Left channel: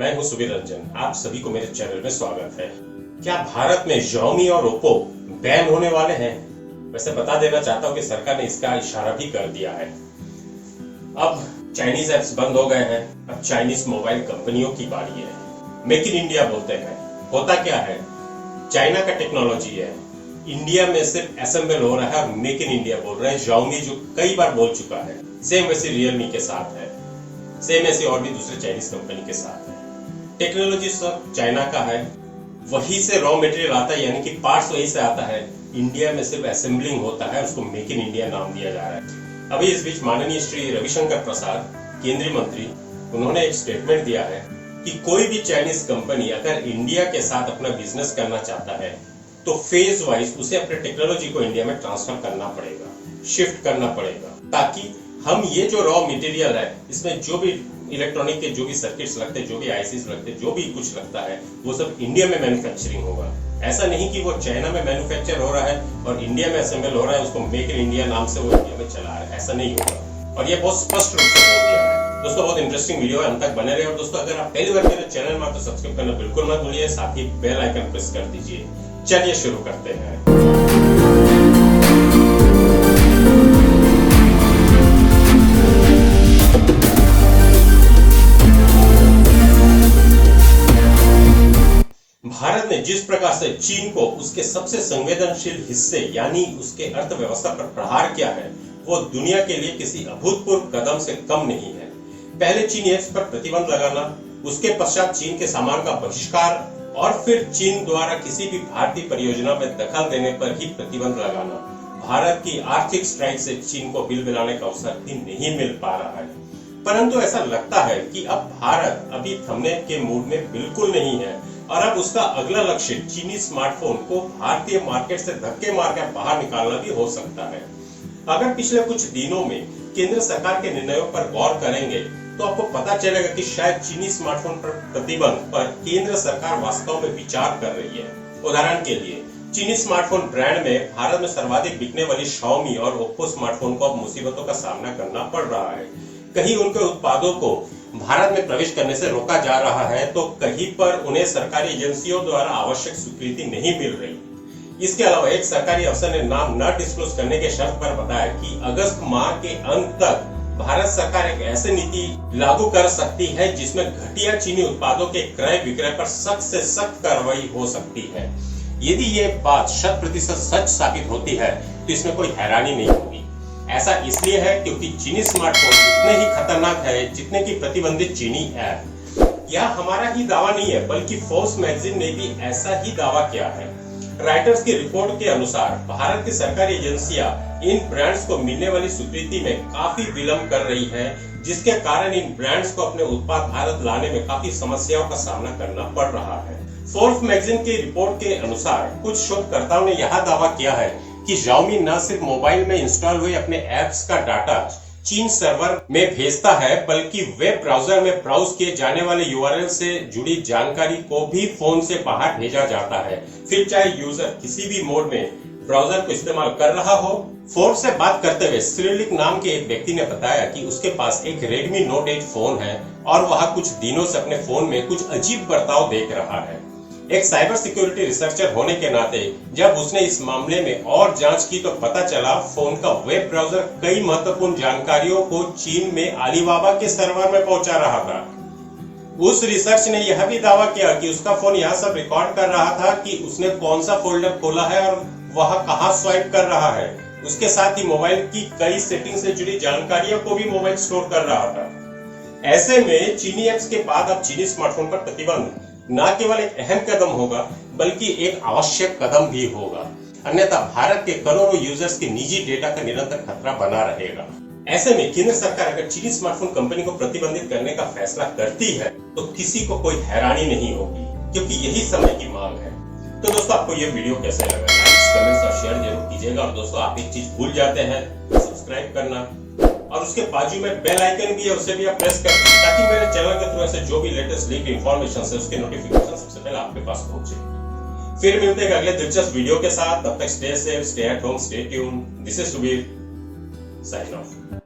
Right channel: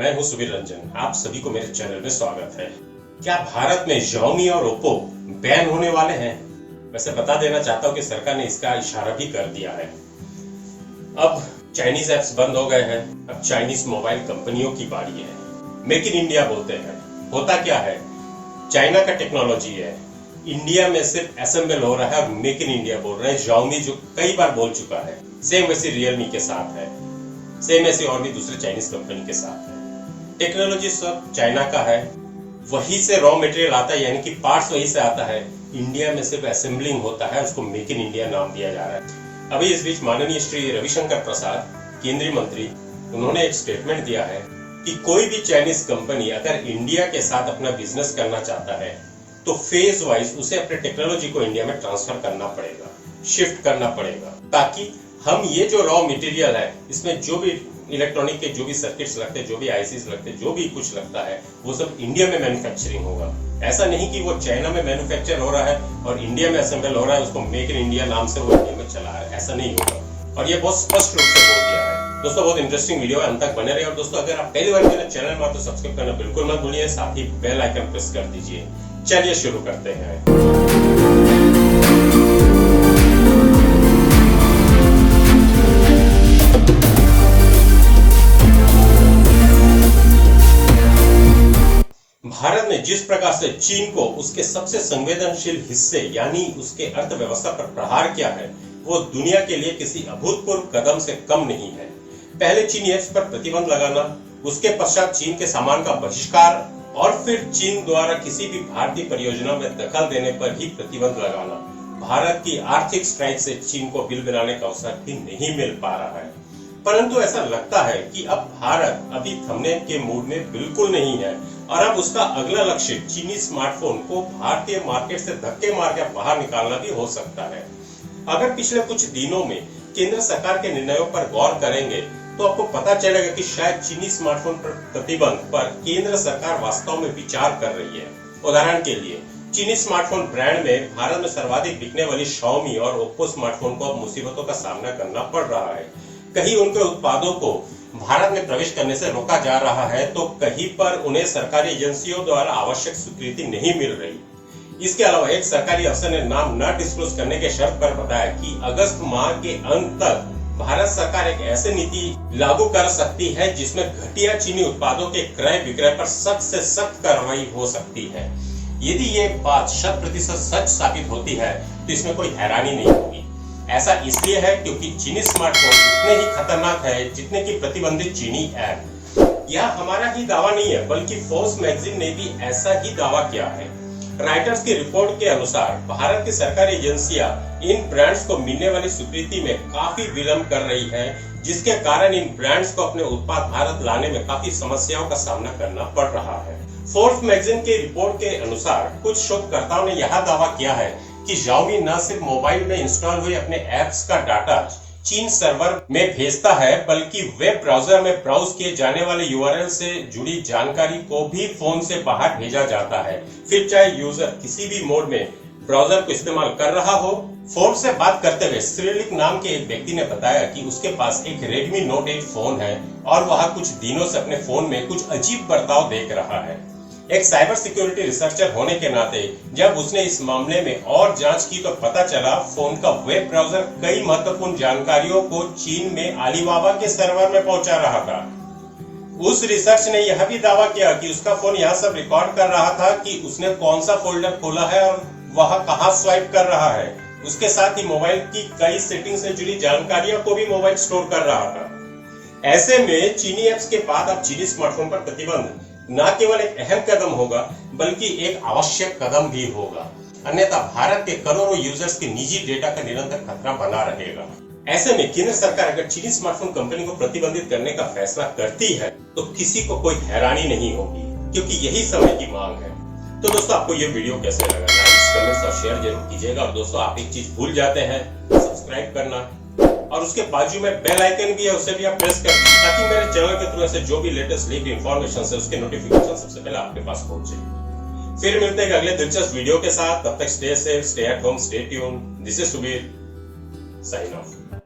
मैं हूं सुबीर रंजन। आप सभी को मेरे चैनल में स्वागत है। क्या भारत में Xiaomi और Oppo बैन होने वाले हैं? वैसे बता देना चाहता हूं कि सरकार ने इसका इशारा भी कर दिया है। अब चाइनीज ऐप्स बंद हो गए हैं। अब चाइनीज मोबाइल कंपनियों की बारी है। मेक इन इंडिया बोलते हैं। होता क्या है, चाइना का टेक्नोलॉजी है, इंडिया में सिर्फ असेंबल हो रहा है और मेक इन इंडिया बोल रहा है Xiaomi, जो कई बार बोल चुका है। सेम वैसे रियलमी के साथ है, सेम ऐसे और भी दूसरे चाइनीज कंपनी के साथ है। टेक्नोलॉजी सब चाइना का है, वहीं से रॉ मटेरियल आता है, यानी कि पार्ट्स वहीं से आता है। इंडिया में सिर्फ असेंबलिंग होता है, उसको मेक इन इंडिया नाम दिया जा रहा है। अभी इस बीच माननीय श्री रविशंकर प्रसाद, केंद्रीय मंत्री, उन्होंने एक स्टेटमेंट दिया है कि कोई भी चाइनीज कंपनी अगर इंडिया के साथ अपना बिजनेस करना चाहता है तो फेज वाइज उसे अपने टेक्नोलॉजी को इंडिया में ट्रांसफर करना पड़ेगा, शिफ्ट करना पड़ेगा, ताकि हम ये जो रॉ मटेरियल है, इसमें जो भी इलेक्ट्रॉनिक के जो भी सर्किट्स लगते हैं, जो भी आईसीज लगते हैं, जो भी कुछ लगता है, वो सब इंडिया में मैन्युफैक्चरिंग होगा। ऐसा नहीं कि वो चाइना में मैन्युफैक्चर हो रहा है और इंडिया में असेंबल हो रहा है, उसको मेक इन इंडिया नाम से वो इंडिया में चला रहा है। ऐसा नहीं होगा, और ये बहुत स्पष्ट रूप से बोल दिया है। दोस्तों, बहुत इंटरेस्टिंग वीडियो है, अंत तक बने रहे। और दोस्तों, अगर आप पहली बार मेरे चैनल में तो सब्सक्राइब करना बिल्कुल मत भूलिए, साथ ही बेल आइकन प्रेस कर दीजिए। चलिए शुरू करते हैं। भारत ने जिस प्रकार से चीन को उसके सबसे संवेदनशील हिस्से यानी उसके अर्थव्यवस्था पर प्रहार किया है, वो दुनिया के लिए किसी अभूतपूर्व कदम से कम नहीं है। पहले चीनी ऐप्स पर प्रतिबंध लगाना, उसके पश्चात चीन के सामान का बहिष्कार और फिर चीन द्वारा किसी भी भारतीय परियोजना में दखल देने पर ही प्रतिबंध लगाना। भारत की आर्थिक स्ट्राइक से चीन को बिल बनाने का अवसर भी नहीं मिल पा रहा है। परंतु ऐसा लगता है कि अब भारत अभी थमने के मूड में बिल्कुल नहीं है और अब उसका अगला लक्ष्य चीनी स्मार्टफोन को भारतीय मार्केट से धक्के मारकर बाहर निकालना भी हो सकता है। अगर पिछले कुछ दिनों में केंद्र सरकार के निर्णयों पर गौर करेंगे तो आपको पता चलेगा कि शायद चीनी स्मार्टफोन पर प्रतिबंध पर केंद्र सरकार वास्तव में विचार कर रही है। उदाहरण के लिए, चीनी स्मार्टफोन ब्रांड में भारत में सर्वाधिक बिकने वाली Xiaomi और Oppo स्मार्टफोन को अब मुसीबतों का सामना करना पड़ रहा है। कहीं उनके उत्पादों को भारत में प्रवेश करने से रोका जा रहा है, तो कहीं पर उन्हें सरकारी एजेंसियों द्वारा आवश्यक स्वीकृति नहीं मिल रही। इसके अलावा एक सरकारी अफसर ने नाम न डिस्क्लोज करने के शर्त पर बताया कि अगस्त माह के अंत तक भारत सरकार एक ऐसी नीति लागू कर सकती है जिसमें घटिया चीनी उत्पादों के क्रय विक्रय पर सख्त से सख्त कार्रवाई हो सकती है। यदि ये बात 100% सच साबित होती है तो इसमें कोई हैरानी नहीं होगी। ऐसा इसलिए है क्योंकि चीनी स्मार्टफोन उतने ही खतरनाक है जितने की प्रतिबंधित चीनी ऐप। यह हमारा ही दावा नहीं है, बल्कि फोर्ब्स मैगजीन ने भी ऐसा ही दावा किया है। राइटर्स की रिपोर्ट के अनुसार भारत की सरकारी एजेंसियां इन ब्रांड्स को मिलने वाली स्वीकृति में काफी विलंब कर रही है, जिसके कारण इन ब्रांड्स को अपने उत्पाद भारत लाने में काफी समस्याओं का सामना करना पड़ रहा है। फोर्ब्स मैगजीन के रिपोर्ट के अनुसार कुछ शोधकर्ताओं ने यह दावा किया है कि Xiaomi न सिर्फ मोबाइल में इंस्टॉल हुए अपने ऐप्स का डाटा चीन सर्वर में भेजता है, बल्कि वेब ब्राउजर में ब्राउज किए जाने वाले URL से जुड़ी जानकारी को भी फोन से बाहर भेजा जाता है, फिर चाहे यूजर किसी भी मोड में ब्राउजर को इस्तेमाल कर रहा हो। फोर्ब्स से बात करते हुए श्रीलिक नाम के एक व्यक्ति ने बताया कि उसके पास एक Redmi Note 8 फोन है और वह कुछ दिनों से अपने फोन में कुछ अजीब बर्ताव देख रहा है। एक साइबर सिक्योरिटी रिसर्चर होने के नाते जब उसने इस मामले में और जांच की तो पता चला फोन का वेब ब्राउजर कई महत्वपूर्ण जानकारियों को चीन में अलीबाबा के सर्वर में पहुंचा रहा था। उस रिसर्च ने यह भी दावा किया कि उसका फोन यह सब रिकॉर्ड कर रहा था कि उसने कौन सा फोल्डर खोला है और वह कहां स्वाइप कर रहा है। उसके साथ ही मोबाइल की कई सेटिंग से जुड़ी जानकारियों को भी मोबाइल स्टोर कर रहा था। ऐसे में चीनी ऐप्स के बाद अब चीनी स्मार्टफोन पर प्रतिबंध न केवल एक अहम कदम होगा, बल्कि एक आवश्यक कदम भी होगा। अन्यथा भारत के करोड़ों यूजर्स के निजी डेटा का निरंतर खतरा बना रहेगा। ऐसे में केंद्र सरकार अगर चीनी स्मार्टफोन कंपनी को प्रतिबंधित करने का फैसला करती है तो किसी को कोई हैरानी नहीं होगी, क्योंकि यही समय की मांग है। तो दोस्तों, आपको यह वीडियो कैसे लगा, लाइक, कमेंट्स और शेयर जरूर कीजिएगा। और दोस्तों, आप एक चीज भूल जाते हैं, सब्सक्राइब करना, और उसके बाजू में बेल आइकन भी है, उसे भी आप प्रेस कर दें ताकि मेरे चैनल के थ्रू ऐसे जो भी लेटेस्ट लीक इंफॉर्मेशन है उसके नोटिफिकेशन सबसे पहले आपके पास पहुंचे। फिर मिलते हैं अगले दिलचस्प वीडियो के साथ। तब तक stay safe, stay at home, stay tune. This is Subir, sign of.